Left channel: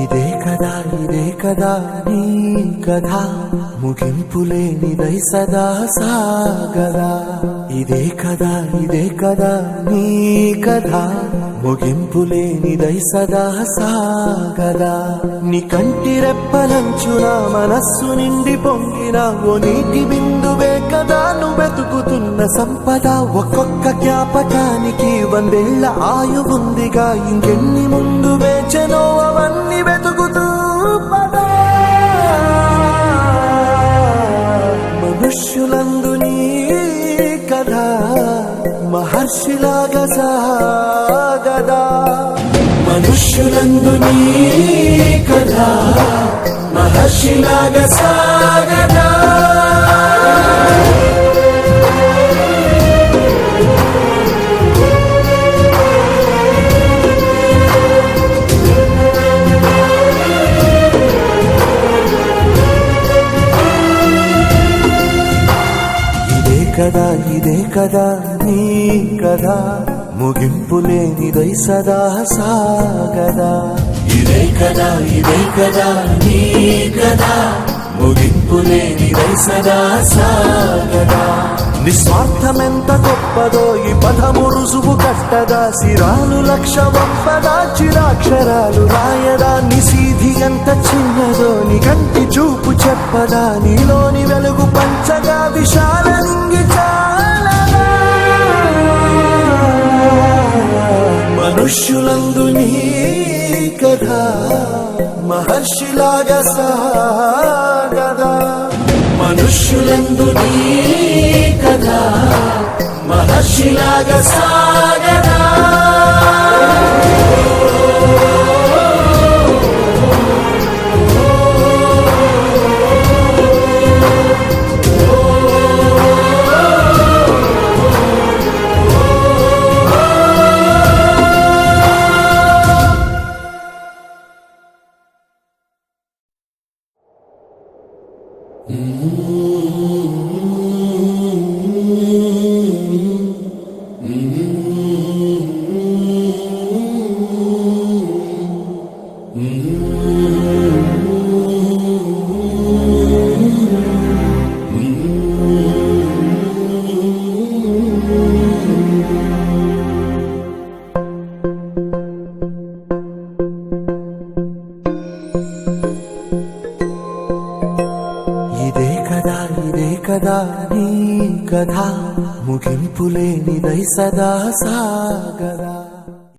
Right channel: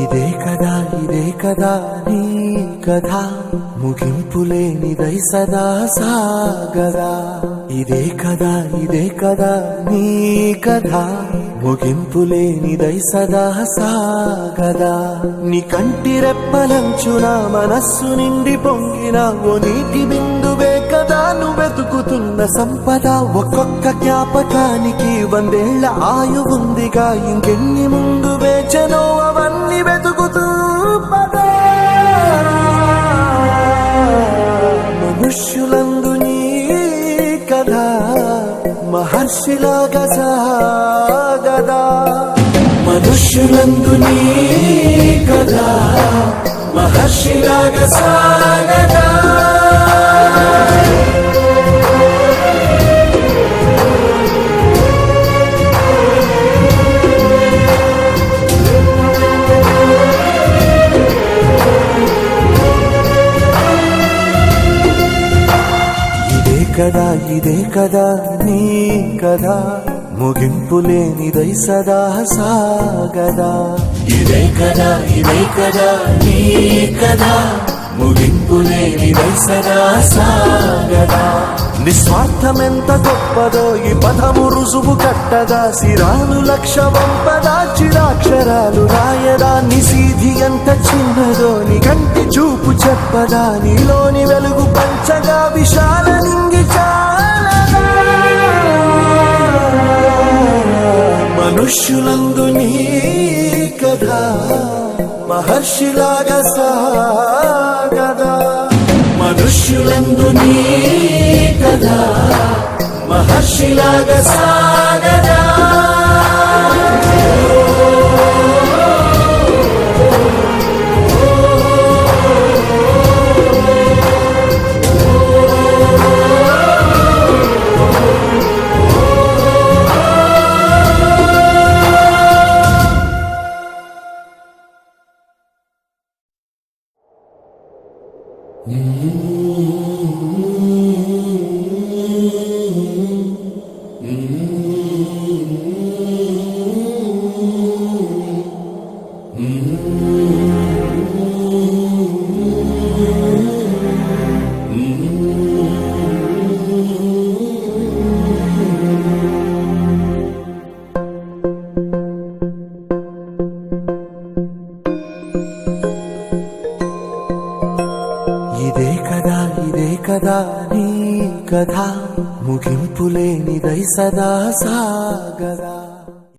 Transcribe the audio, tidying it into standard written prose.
ఇదే కదా నీ కథ ముగింపులేనిదై సదా సాగదా. ఇదే కదా నీ కథ ముగింపులేనిదై సదా సాగదా. నీ కంటి రెప్పలంచున మనస్సు నిండి పొంగిన ఓ నీటి బిందువే కదా నువ్వెతుకుతున్న సంపద. ఒక్కొక్క జ్ఞాపకానికి 100 ఏళ్ల ఆయువుందిగా, ఇంకెన్ని ముందు వేచనో అవన్నీ వెతుకుతూ పదా. మనుష్యులందు నీ కథ మహర్షిలాగా సాగదా. మనుష్యులందు నీ కథ మహర్షిలాగా సాగదా. ఇదే కదా నీ కథ ముగింపులేనిదై సదా సాగదా. ఇదే కదా నీ కథ ముగింపులేనిదై సదా సాగదా. నిస్వార్థమెంత గొప్పదో ఈ పదము రుజువు కట్టదా. సిరాలు లక్ష వంపదా, చిరాక్షరాలు రాయదా. నిసీధి ఎంత చిన్నదో నీ కంటి చూపు చెప్పదా. నీలోని వెలుగు పంచగా విశాల నింగి చాలదా. మనుష్యులందు నీ కథ మహర్షిలాగా సాగదా. మనుష్యులందు నీ కథ మహర్షిలాగా సాగదా. ఇదే కదా నీ కథ ముగింపులేనిదై సదా సాగదా.